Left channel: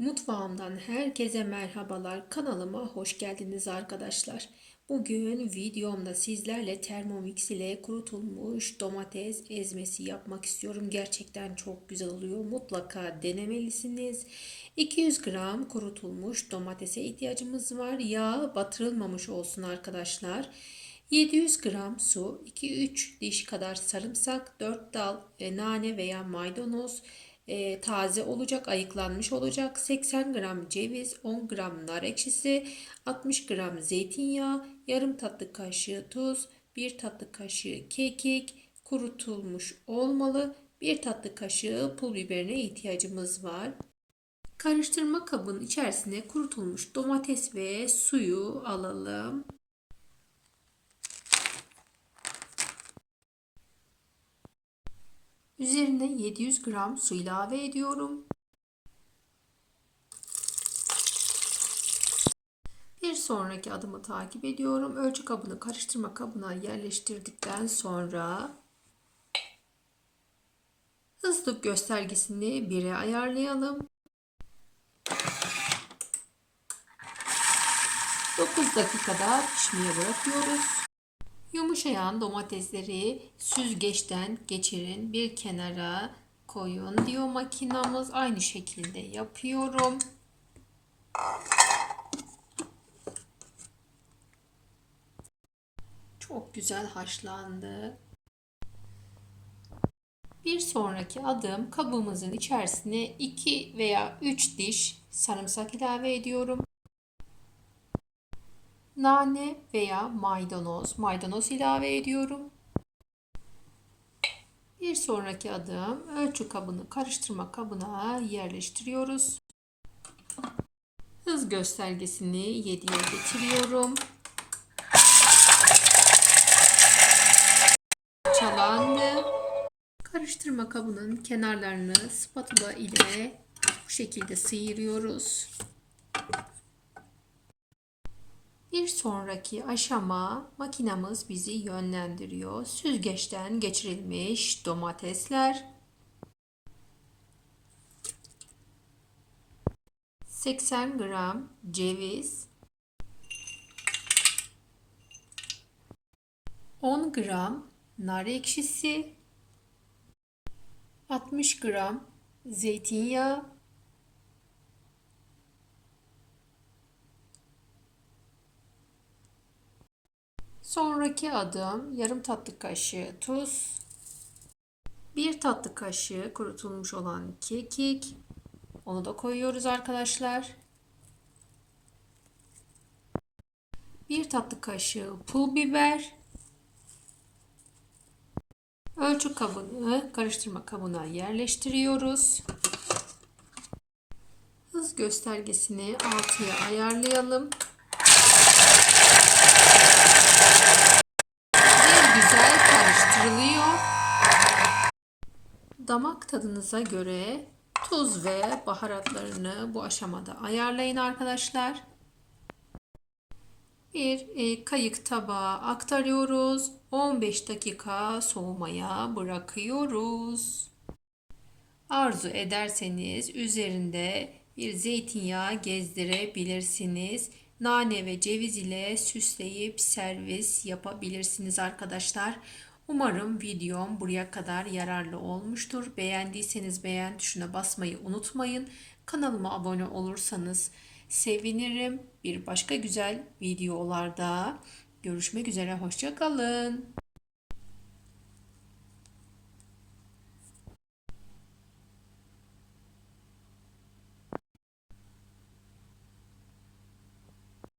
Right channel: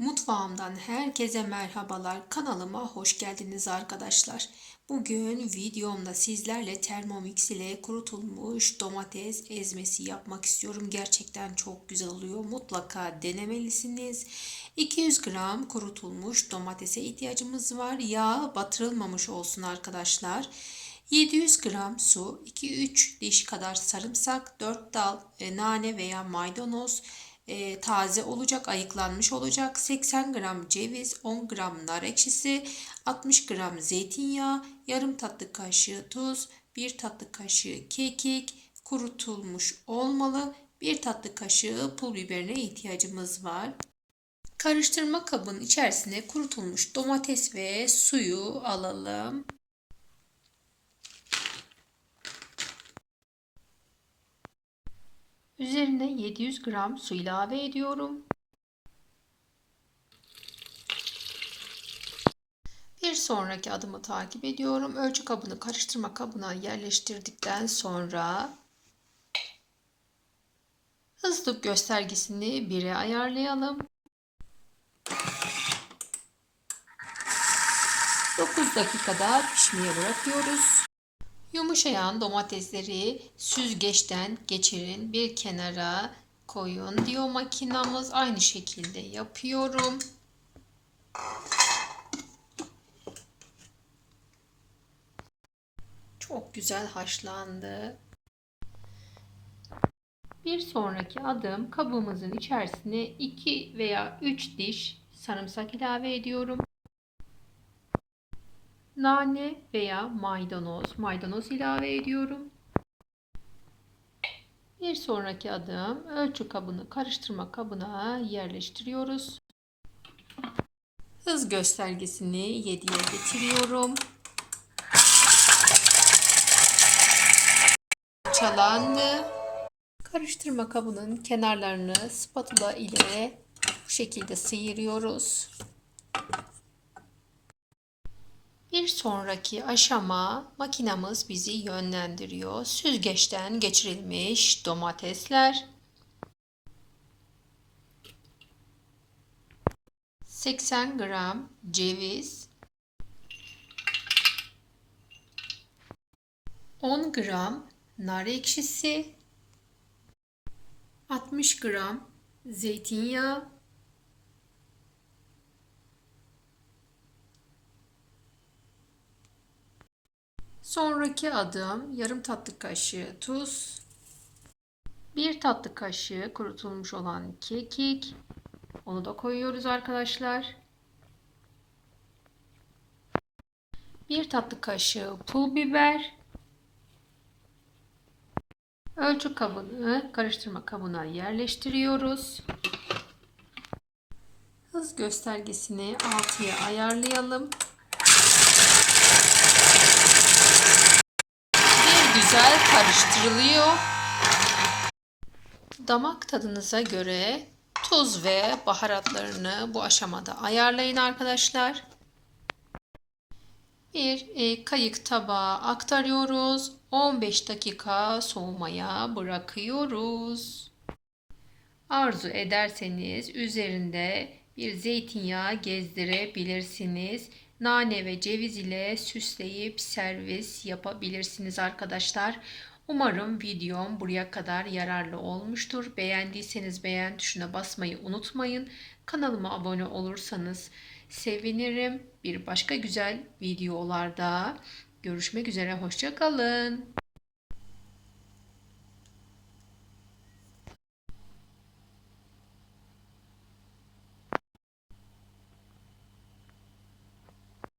Mutfağımdan herkese merhabalar. Kanalıma hoş geldiniz arkadaşlar. Bugün videomda sizlerle Thermomix ile kurutulmuş domates ezmesi yapmak istiyorum. Gerçekten çok güzel oluyor. Mutlaka denemelisiniz. 200 gram kurutulmuş domatese ihtiyacımız var. Yağ batırılmamış olsun arkadaşlar. 700 gram su, 2-3 diş kadar sarımsak, 4 dal e, nane veya maydanoz, e, taze olacak, ayıklanmış olacak. 80 gram ceviz, 10 gram nar ekşisi, 60 gram zeytinyağı, yarım tatlı kaşığı tuz, 1 tatlı kaşığı kekik, kurutulmuş olmalı. 1 tatlı kaşığı pul biberine ihtiyacımız var. Karıştırma kabının içerisine kurutulmuş domates ve suyu alalım. Üzerine 700 gram su ilave ediyorum. Bir sonraki adımı takip ediyorum. Ölçü kabını karıştırma kabına yerleştirdikten sonra hızlı göstergesini 1'e ayarlayalım. 9 dakikada pişmeye bırakıyoruz. Yumuşayan domatesleri süzgeçten geçirin bir kenara koyun diyor makinamız. Aynı şekilde yapıyorum. Çok güzel haşlandı. Bir sonraki adım kabımızın içerisine 2 veya 3 diş sarımsak ilave ediyorum nane veya maydanoz, maydanoz ilave ediyorum. Bir sonraki adım ölçü kabını karıştırma kabına yerleştiriyoruz. Hız göstergesini 7'ye getiriyorum. Çalandı. Karıştırma kabının kenarlarını spatula ile bu şekilde sıyırıyoruz. Bir sonraki aşama makinamız bizi yönlendiriyor. Süzgeçten geçirilmiş domatesler. 80 gram ceviz. 10 gram nar ekşisi. 60 gram zeytinyağı. Sonraki adım yarım tatlı kaşığı tuz, bir tatlı kaşığı kurutulmuş olan kekik. Onu da koyuyoruz arkadaşlar. Bir tatlı kaşığı pul biber. Ölçü kabını karıştırma kabına yerleştiriyoruz. Hız göstergesini 6'ya ayarlayalım. güzel karıştırılıyor. Damak tadınıza göre tuz ve baharatlarını bu aşamada ayarlayın arkadaşlar. Bir e, kayık tabağa aktarıyoruz. 15 dakika soğumaya bırakıyoruz. Arzu ederseniz üzerinde bir zeytinyağı gezdirebilirsiniz nane ve ceviz ile süsleyip servis yapabilirsiniz arkadaşlar. Umarım videom buraya kadar yararlı olmuştur. Beğendiyseniz beğen tuşuna basmayı unutmayın. Kanalıma abone olursanız sevinirim. Bir başka güzel videolarda görüşmek üzere. Hoşçakalın.